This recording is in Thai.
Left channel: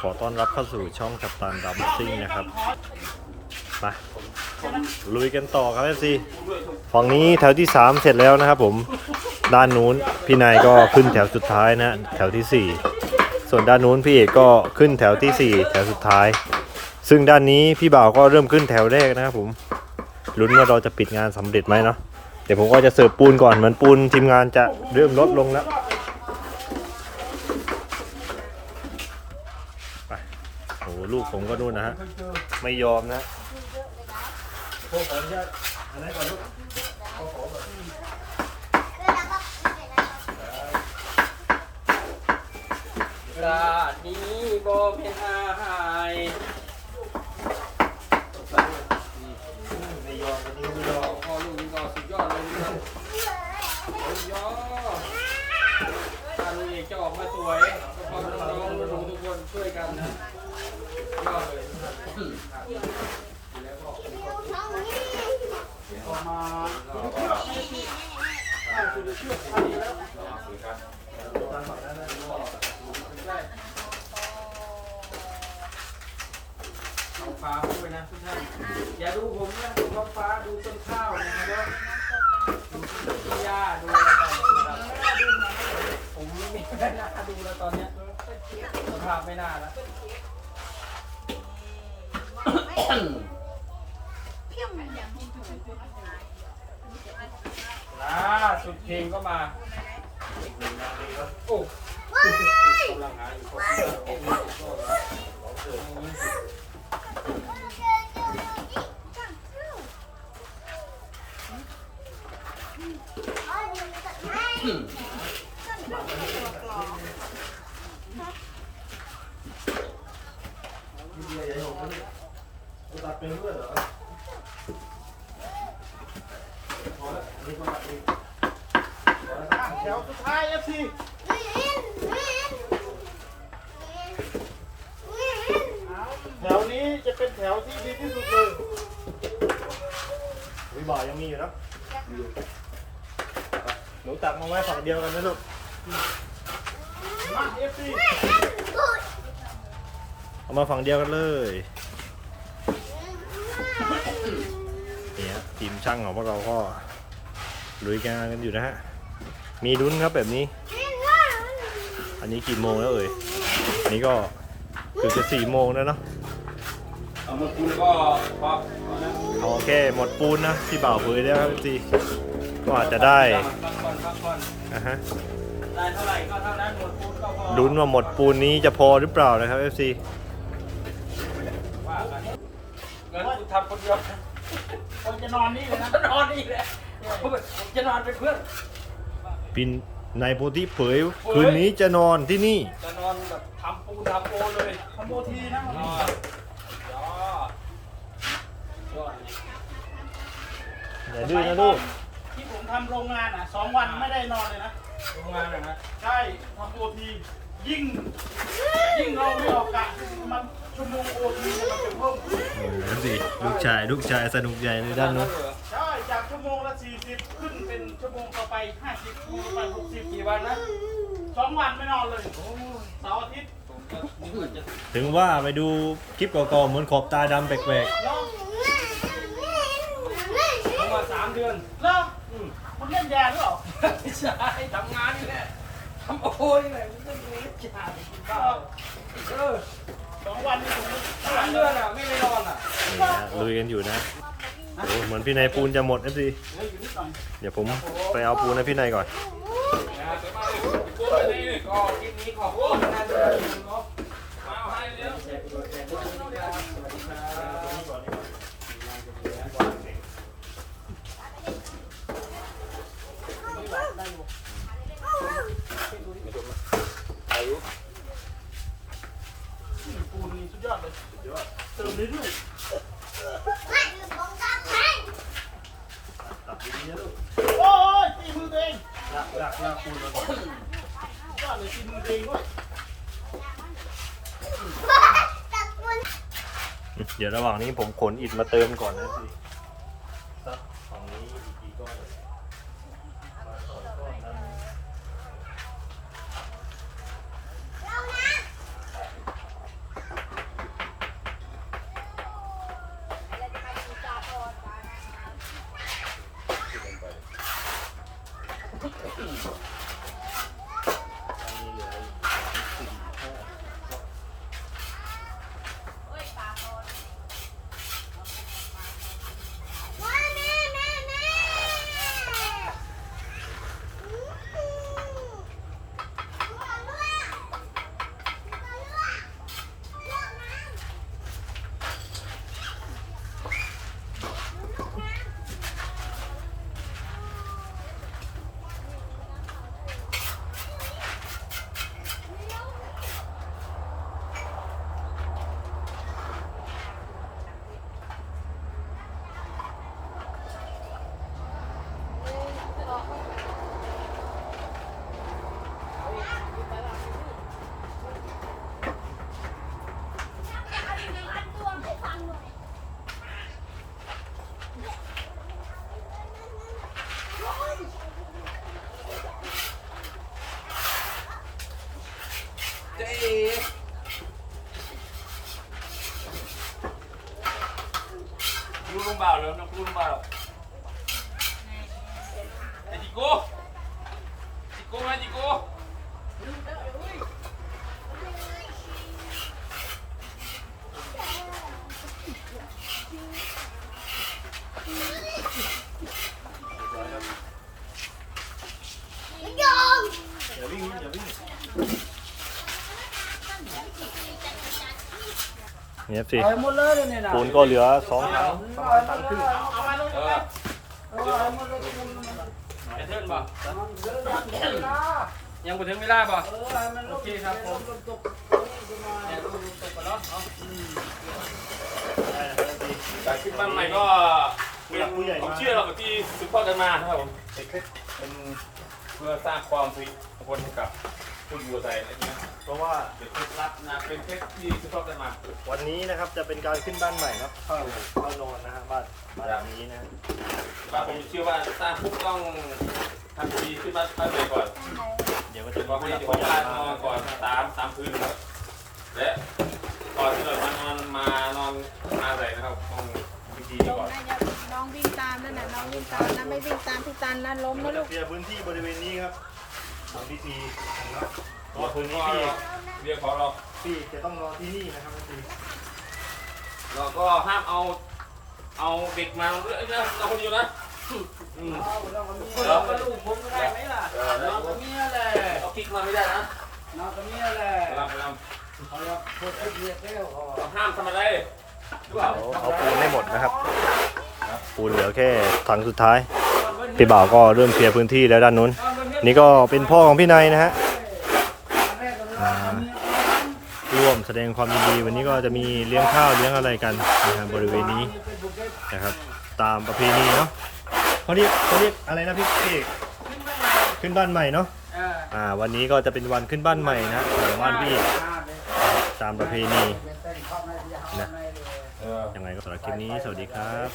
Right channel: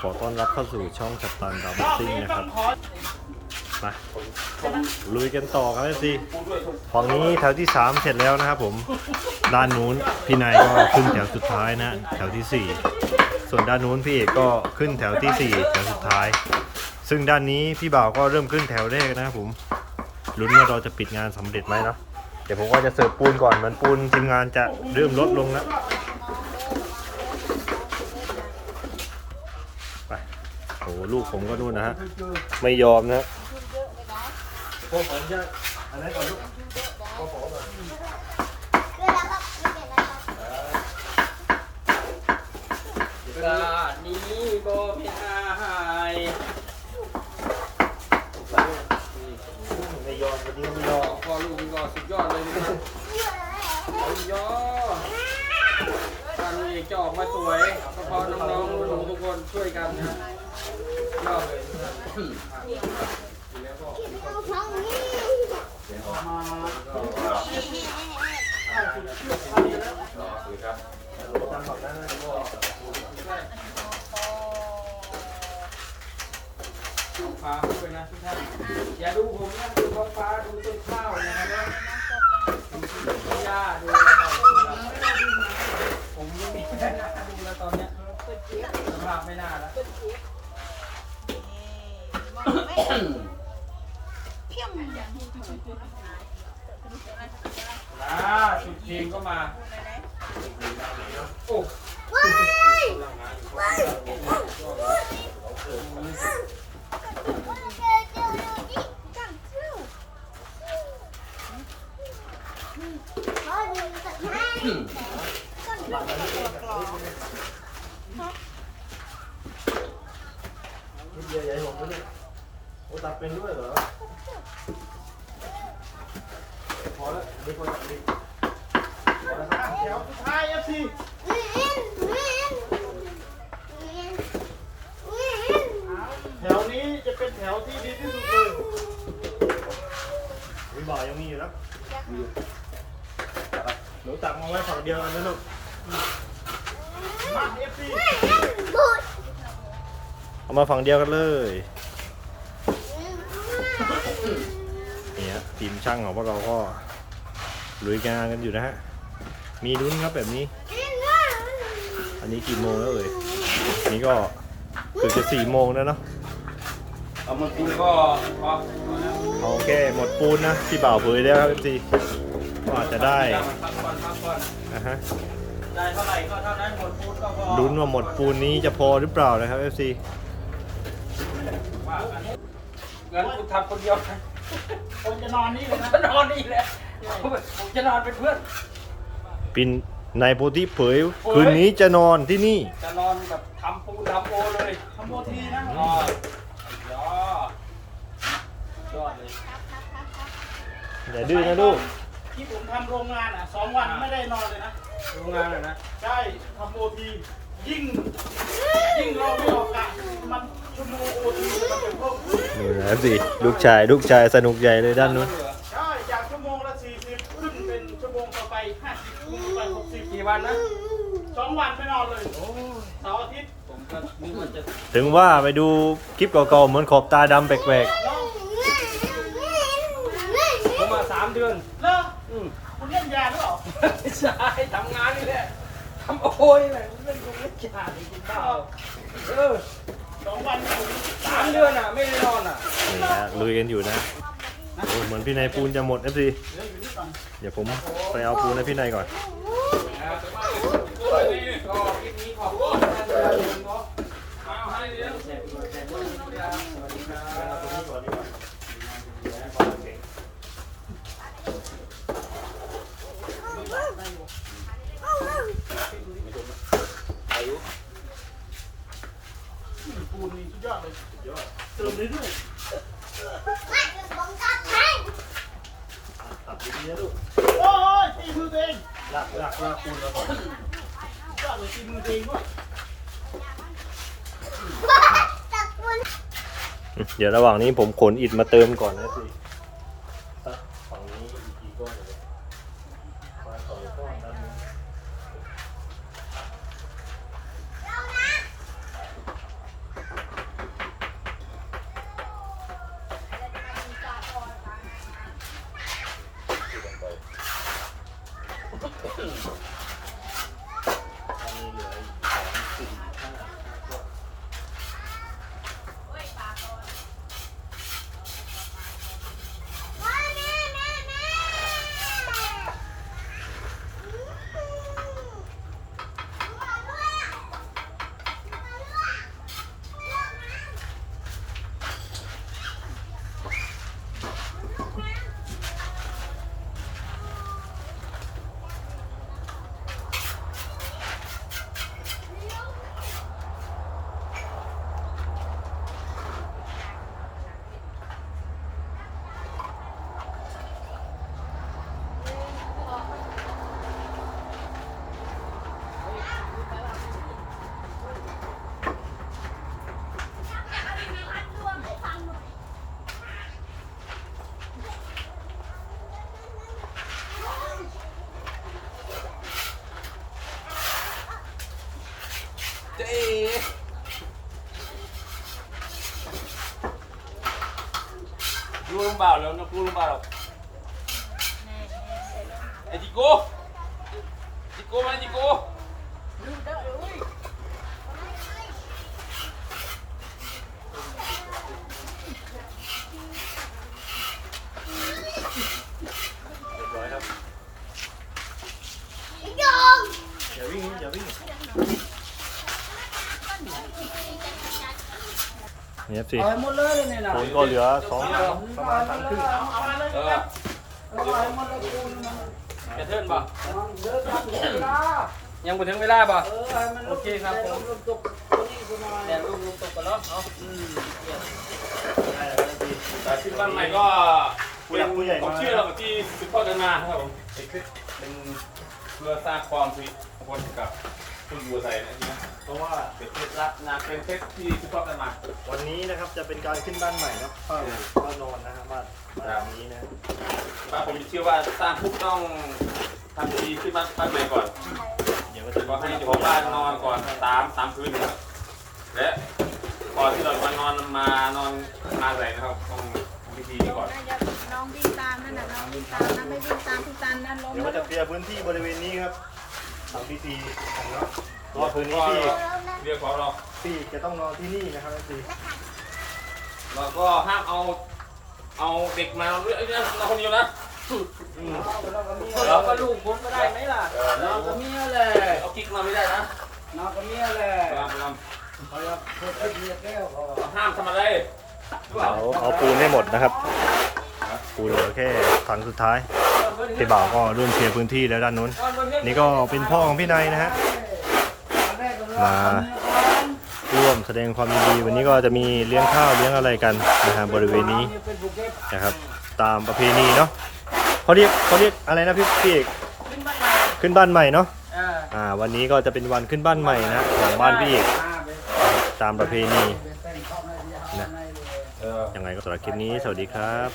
ขอต้อนรับเข้าสู่ช่องกัปตันดัมซิ่งนะครับไปลุยกันต่อครับเอซีฝั่งนี้แถวที่ 3 เสร็จแล้วนะครับผมด้านนู้นพี่นายก็ขึ้นแถวสุดท้ายนะแถวทีสี่4 ส่วนด้านนู้นพี่เอกก็ขึ้นแถวทีสี่ 4 แถวสุดท้าย ซึ่งด้านนี้พี่บ่าวก็เริ่มขึ้นแถวแรกนะครับผมลุ้นว่าเราจะปิดงานสำเร็จไหมเนาะเดี๋ยวผมก็จะเสิร์ฟปูนก่อนเหมือนปูนทีมงานจะเริ่มลดลงแล้ว ไปโอ้ ลูกผมก็นู่นนะฮะ ไม่ยอมนะพวกผมจะอันนั้นก่อนลูกกระดานี้บ่เป็นอาหายไม่ยอมวันนี้ไม่ยอมพอลูกนี่ก็สุดยอดเลยนะครับโอ้ยยอถ้าลูกเอกจะออกมาสวยก็เพอน้องๆหนูๆทุกคนช่วยกันนะยอดเลยเอา ฟ้าด้วยนะทุกท่านอย่าดูผมนะดูว่าฟ้าดูต้นข้าวนะครับดูหญ้าดูอะไรต่างๆผม ล่าสุดเพลงก็มาโอ้กำลังหาอยู่คนลูกใหญ่ๆผมก็นี่โอ้ตัดเป็นด้วยเหรอ พอแล้วอันนี้ก็ตัดดีพอแล้วครับแถวสุดท้ายเอฟซีแถวนี้จะเป็นแถวที่ดีที่สุดเลยวิบ่อยังมีอยู่แล้วมีอยู่หนูตักมาไว้ฝั่งเดียวกันนะลูกมาเอฟซีเอามาฝั่งเดียวกันเลยเนี่ยทีมช่างของพวกเราก็ ลุยงานกันอยู่นะฮะ มีลุ้นครับแบบนี้ อันนี้กี่โมงแล้วเอ่ยอันนี้ก็เกือบจะสี่โมงแล้วเนาะเอามาคุณก็พอเอาแค่หมดปูนนะที่บ่าวเผยแล้วครับจีก็อาจจะได้พักผ่อนพักผ่อนนะฮะได้เท่าไหร่ก็เท่านั้นหมดปูนก็พอลุ้นว่าหมดปูนนี้จะพอหรือเปล่านะครับ FC ว่ากันงั้นคุณทำคนเดียวผมจะนอนนี่เลยนะนอนนี่แหละ ผมจะนอนเป็นเพื่อน ปินในโพธิเผย คืนนี้จะนอนที่นี่ จะนอนแบบทำปูนทำโอเลยทำโอทีนะนอนยอดเลยอย่าดื้อนะลูกที่ผมทำโรงงานอะสองวันไม่ได้นอนเลยนะโรงงานอะนะใช่ทำโอทียิ่งยิ่งเราไม่ออกกะมันชั่วโมงโอทีมันเป็นเพิ่มขึ้นนี่นะสิลูกชายลูกชายสนุกใหญ่เลยด้านนู้น ไปหกสิบกี่วันนะสองวันไม่นอนเลยเสาร์อาทิตย์ผมก็นึกว่าจะถึงว่าไปดูคลิปเก่าๆเหมือนขอบตาดำแปลกแล้วผมมาสามเดือนแล้วอืมคุณเล่นยาหรือเปล่าไม่ใช่ทำงานนี่แหละทำโอ้ยนี่แหละผมเล่นดูเล่นยาไปกินข้าวเออสองวันนี่ผมสามเดือนอะ ไม่ได้นอนอะ ๆนี่ฮะลุยกันอยู่นะ โอ้เหมือนพี่นายปูนจะหมดเอฟซีเดี๋ยวผมไปเอาปูนให้พี่นายก่อน ขอบคุณท่านที่รับชมเนาะแชร์กดแชร์ด้วยนะครับสวัสดีครับ ปูนนี่สุดยอดเลยสุดยอดเติมเรื่อย ตัดดีๆนะลูก ๆโอ้ยตีมือตัวเอง ลากลากปูนมาก่อนสุดยอดเลยตีมือตัวเองด้วยเดี๋ยวระหว่างนี้ผมขนอิฐมาเติมก่อนนะสิสักฝั่งนี้อีกกี่ก้อนมาสองก้อนนั้น 嗯。 เจ๊ดูลงเปล่าแล้วนะดูลงเปล่าไอ้จิโก้จิโก้มาจิโก้ เรียบร้อยครับอย่าวิ่งอย่าวิ่ง เนี่ยสิเอาหมดเลยเนี่ยนะคุณก็เหลือสองเอาหมดเลยเอามาเลยเออเอาหมดเลยคุณจะเทิร์นบ่เดี๋ยวจะถึงเวลายังบ่ถึงเวลาบ่เออให้มันลงลงตกนี่ก็มาเดี๋ยวดูลงตัวก่อนเนาะเอาได้แล้วครับสิแต่ขึ้นบ้านใหม่ก็ผู้หลักผู้ใหญ่มาผมเชื่อเราที่สืบทอดกันมาครับผมเป็นคลิปเป็นเพื่อสร้างความสุขมงคลให้กับ ผู้อยู่อาศัยนะเนี่ยเพราะว่าเป็นเคล็ดลับนะเป็นเคล็ดที่สืบทอดกันมาวันนี้นะครับจะเป็นการขึ้นบ้านใหม่ครับเข้าเข้านอนนะครับบ้านบ้านหลังนี้นะว่าผมเชื่อว่าสร้างปุ๊บต้องทำดีขึ้นมาตั้งแต่ก่อนเดี๋ยวก็ก็จะให้เจ้าของบ้านนอนก่อนสามสามคืนนะครับและก่อนที่เราจะนอนมานอนมาแหวนนะครับต้องทำพิธีนี้ก่อนน้องวิ่งตามนั่นน่ะน้องวิ่งตามนะไม่วิ่งตามพี่จันนั่นลงเดี๋ยวก็จะเคลียร์พื้นที่บริเวณนี้ครับ ทำพิธีนะครับตัวพื้นก็ที่เรียกขอเราที่จะต้องนอนที่นี่นะครับพี่ เราก็ห้ามเอา เอาเด็กมานอนด้วยเอ้ยเนี่ยนอนคนเดียวนะอืมเราก็มีเราก็ลูกผมก็ได้ไหมล่ะเราก็มีอะไรเอากิ๊กมาไม่ได้นะเราก็มีอะไรลำลเขาจะเพิ่มเรียกแล้วเขาำเราห้ามทำอะไรหรือเปล่าเอาปูนไม่หมดนะครับ ปูนเหลือแค่ถังสุดท้ายพี่บ่าวก็เริ่มเคลียร์พื้นที่แล้วด้านนู้น นี่ก็เป็นพ่อของพี่นายนะฮะ มาร่วมแสดงความยินดี วันนี้ก็จะมีเลี้ยงข้าวเลี้ยงอะไรกันนะฮะบริเวณนี้นะครับ ตามประเพณีเนาะเขาเรียกเขาเรียกอะไรนะพี่พี่ขึ้นบ้านใหม่เนาะอ่าวันนี้ก็จะเป็นวันขึ้นบ้านใหม่นะของบ้านพี่เอกตามประเพณีนะยังไงก็สำหรับคลิปนี้สวัสดีครับ